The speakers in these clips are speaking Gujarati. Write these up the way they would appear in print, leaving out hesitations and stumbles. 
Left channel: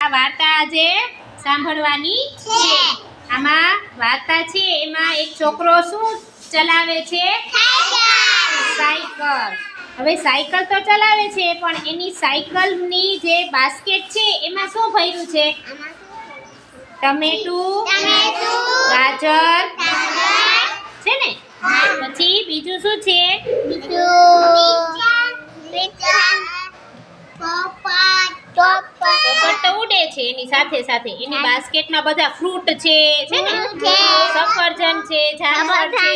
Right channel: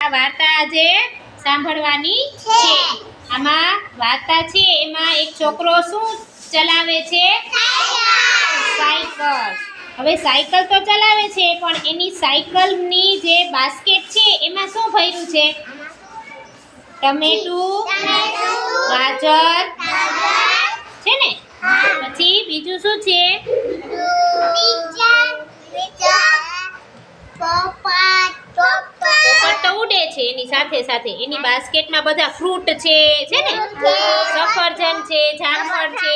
આ વાર્તા આજે સાંભળવાની છે। આમાં વાર્તા છે એમાં એક છોકરો શું ચલાવે છે? સાયકલ। હવે સાયકલ તો ચલાવે છે પણ એની સાયકલની જે બાસ્કેટ છે એમાં શું ભર્યું છે? ટમેટું, ગાજર છે ને? પછી બીજું શું છે? પોપટ તો ઉડે છે એની સાથે સાથે એની બાસ્કેટમાં બધા ફ્રૂટ છે ને? સફરજન છે, જામફળ છે।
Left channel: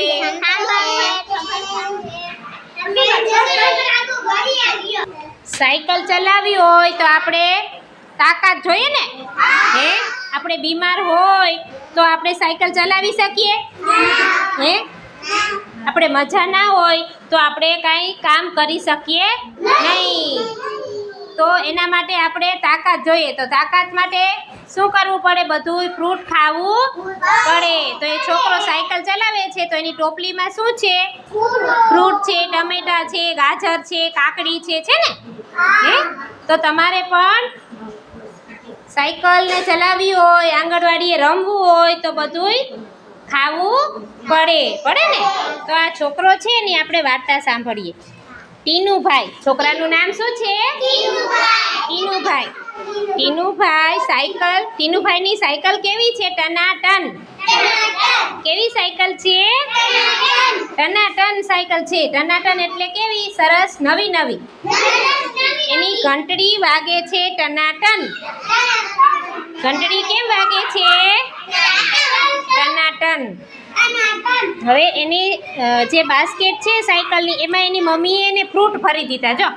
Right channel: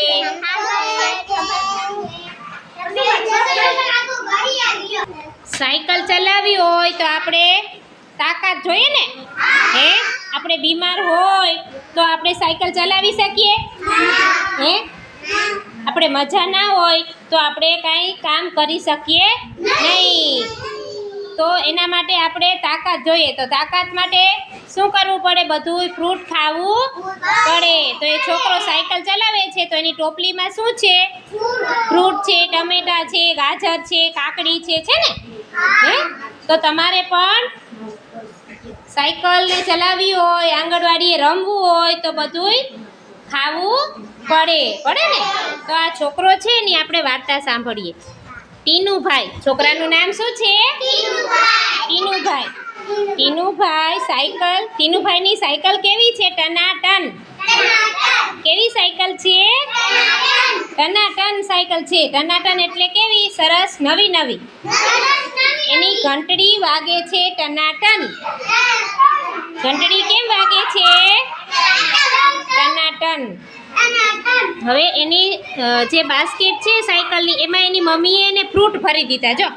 સાયકલ ચલાવી હોય તો આપણે તાકાત જોઈએ ને? હે આપણે બીમાર હોય તો આપણે સાયકલ ચલાવી શકીએ? હે આપણે મજા ના હોય તો આપણે કાંઈ કામ કરી શકીએ નહીં। તો એના માટે આપણે તાકાત જોઈએ। તો તાકાત માટે શું કરવું પડે? બધું ફ્રૂટ ખાવું પડે। તો એ છોકરો સાયકલ ચલાવે છે તો એની ટોપલીમાં શું છે? ફ્રૂટ છે, ટમેટા છે, ગાજર છે, કાકડી છે ને? હે તો તમારે પણ સાયકલને ચલાવવી હોય, આંગણવાડીએ રમવું હોય તો બધુંય ખાવું પડે ને? તો આ છોકરો છે ને આપણે વાર્તા સાંભળીએ। ટીનુભાઈ, છોકરાનું નામ શું છે? ટીનુભાઈ। ટીનુભાઈની સાયકલ કેવી છે? ટનાટન। કેવી સાયકલ છે? ટનાટન સાયકલ છે। ટનાટન એટલે કેવી? સરસ, નવી। એની ઘંટડી વાગે છે ટનાટન। ઘંટડી કેમ વાગે છે? ટનાટન। હવે એની જે બાસ્કેટ છે સાયકલની એમાં એની મમ્મીએ એને ફ્રૂટ ભરી દીધા। જો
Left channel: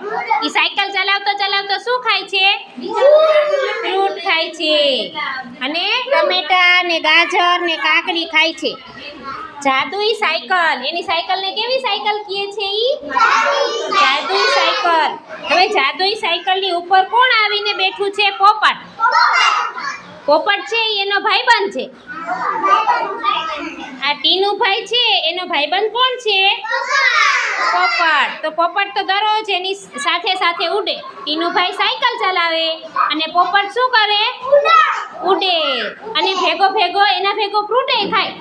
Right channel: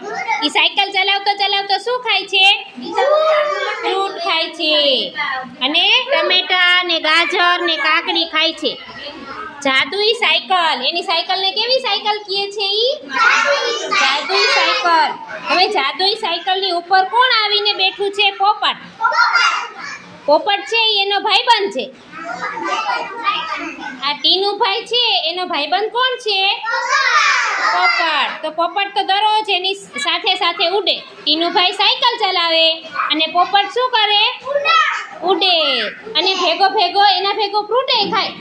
એ સાયકલ ચલાવતો શું ખાય છે? ફ્રૂટ ખાય છે અને ટમેટા ને ગાજર ને કાકડી ખાય છે। જાદુઈ સાયકલ, એની સાયકલને કેવી સાયકલ કહે છે? જાદુઈ સાયકલ। હવે જાદુઈ સાયકલની ઉપર કોણ આવીને બેઠું છે? પોપટ છે એનો ભાઈબંધ છે। આ ટીનુભાઈ છે એનો ભાઈબંધ કોણ છે? પોપટ। તો પોપટ તો દરરોજ એની સાથે ઉડે। ટીનુભાઈ સાયકલ ચલાવે અને પોપટ શું કરે? ઉડે અને એના ભેગો ફ્રૂટે ખાય।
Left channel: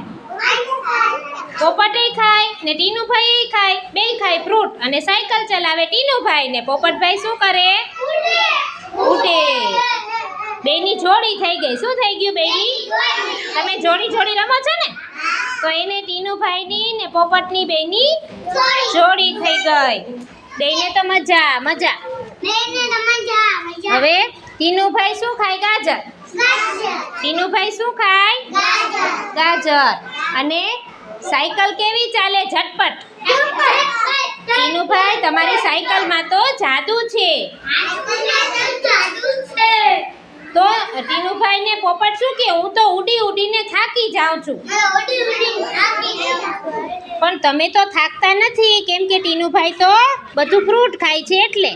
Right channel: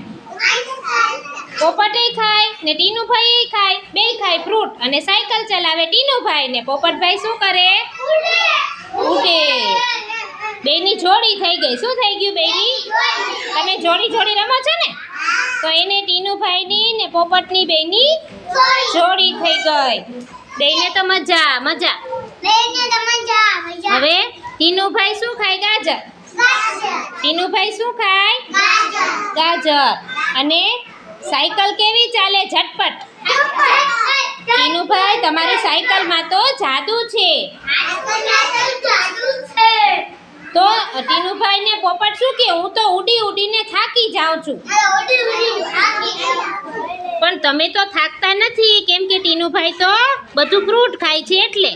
પોપટે ખાય ને ટીનુભાઈ ખાય, બેય ખાય ફ્રૂટ અને સાયકલ ચલાવે ટીનુભાઈ ને પોપટભાઈ શું કરે? ઉડે। બેયની જોડી થઈ ગઈ। શું થઈ ગયું બેયની? તમે જોડી રમો છો ને? તો એને ટીનુભાઈની ને પોપટની બેયની જોડી થઈ ગઈ। બેયને તો મજા। હવે ટીનુભાઈ શું ખાય? ગાજર। ટીનુભાઈ શું ખાય? ગાજર। અને સાયકલ કેવી ચાલે? ઝટપટ। ટીનુભાઈ, તમારી સાયકલમાં તો જાદુ છે। તો ટીનુભાઈ ને પોપટ શું કે? હું તો ઉડીને થાકી જાઉં છું। પણ તમે તો થાકતા નથી કેમ કે ટીનુભાઈ તો બધું ફ્રૂટ ખાય છે એટલે।